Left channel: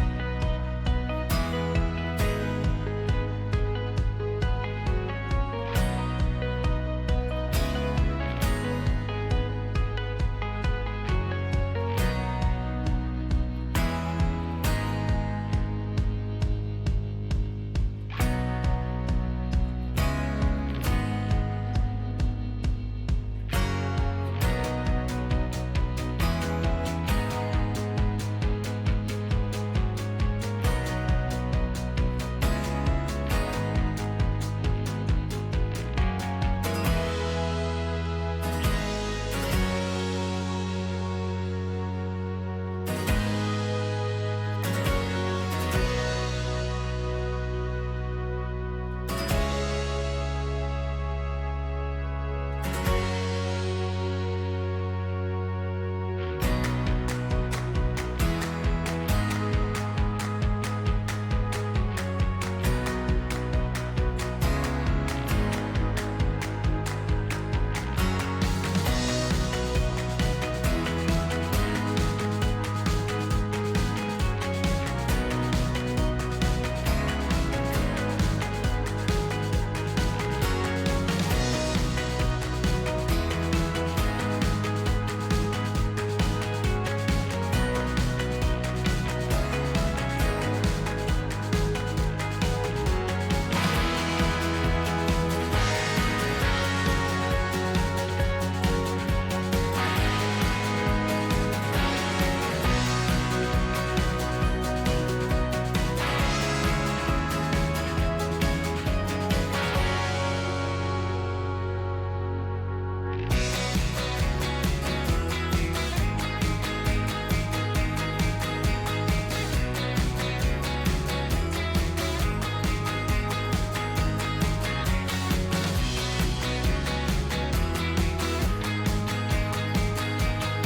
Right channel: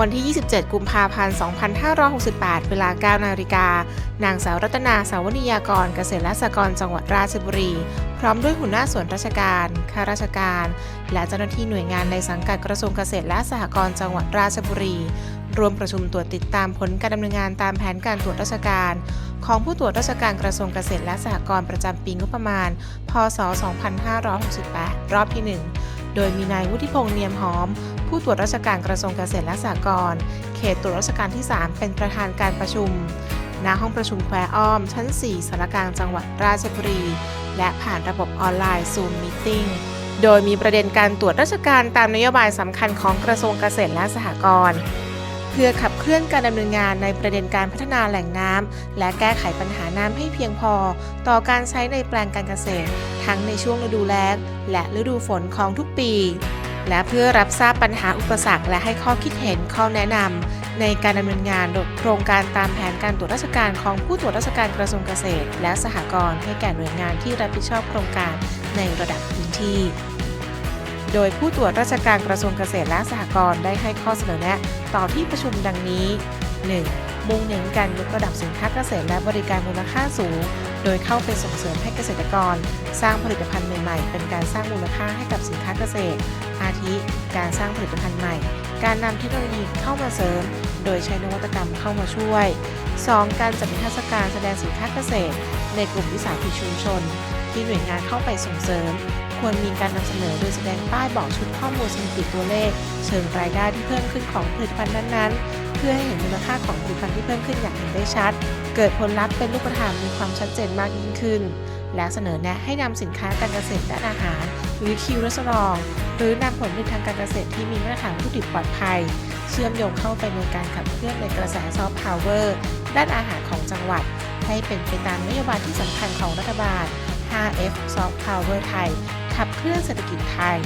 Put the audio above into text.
วันที่ 27 กุมภาพันธ์ 2568 เวลา 9 นาฬิกา นางสาวรัตนาสาวนิยากรเกษตรและสหกรณ์จังหวัดราชบุรี พร้อมด้วยหัวหน้าส่วนราชการ ข้าราชการ และเจ้าหน้าที่หน่วยงานในสังกัดกระทรวงเกษตรและสหกรณ์จังหวัดราชบุรี รวมประชุมตรวจติดตามผลการดำเนินงานตามแผนการตรวจราชการของผู้ตรวจราชการกระทรวงเกษตรและสหกรณ์ประจำปีงบประมาณ พศ 2568 รอบที่ 1 โดยมีนายวุฒิพงษ์เนียมหอม ผู้ตรวจราชการกระทรวงเกษตรและสหกรณ์เขตตรวจราชการที่ 3 เป็นประธานการประชุม ณ ห้องประชุมแควอ้อม ชั้น 4สารกลางจังหวัดราชบุรี และผ่านระบบออนไลน์ Zoom Meeting โดยมีประเด็นการตรวจราชการตามนโยบายสำคัญของกระทรวงเกษตรและสหกรณ์เพื่อขับเคลื่อนการดำเนินงานในประเด็นการพัฒนาแหล่งน้ำและแก้ไขปัญหาน้ำให้เพียงพอ ต่อการใช้ในแปลงการเกษตร ทั้งในช่วงฤดูแล้งและฤดูฝนของทุกปี และเพื่อรับทราบปัญหาอุปสรรค และให้ข้อคิดเห็นข้อแนะนำในการดำเนินงานโครงการตามแผนการตรวจราชการของผู้ตรวจราชการกระทรวงเกษตร และสหกรณ์ให้แก่หน่วยงานที่รับผิดชอบโครงการในระดับพื้นที่ โดยผู้ตรวจราชการกระทรวงเกษตรและสหกรณ์ได้ให้ข้อเสนอแนะต่อที่ประชุมดังนี้ 1. มุ่งเน้นการยกระดับสินค้าเกษตรและบริการมูลค่าสูง โดยเข้าไปส่งเสริมให้เกษตรกร สร้างผลิตภัณฑ์ใหม่ๆเป็น 2. การจัดนิทรรศการแสดงสินค้าเกษตร ในกลุ่มวิสาหกิจชุมชน ที่หน่วยงานเข้าไปส่งเสริม ควรมีการนำเสนอโดยแสดงป้ายบอกชุดข้อมูลสถิติตัวเลขเชิงรายได้ที่เพิ่มขึ้นของผลิตภัณฑ์นั้นๆ เพื่อให้เห็นมูลค่าของผลิตภัณฑ์ที่เพิ่มขึ้นอย่างเห็นได้ชัด เกิดผลลัพธ์เป็นรูปธรรมมีความชัดเจนมากยิ่งขึ้น และเสนอแนะให้นำสินค้าการเกษตรและอาหารหรือคิวรัสรองหรือนำผลผลิตทางการเกษตรที่มีมาตรฐานผู้ถือปลอดภัย เชื่อมโยงเข้าไปในการขับเคลื่อนในกระแสซอฟต์พาวเวอร์ ด้านอาหารของจังหวัด ให้เป็นไปตามนโยบายที่สำคัญของรัฐบาล 5F Soft Power ไทยขับเคลื่อนเศรษฐกิจไทย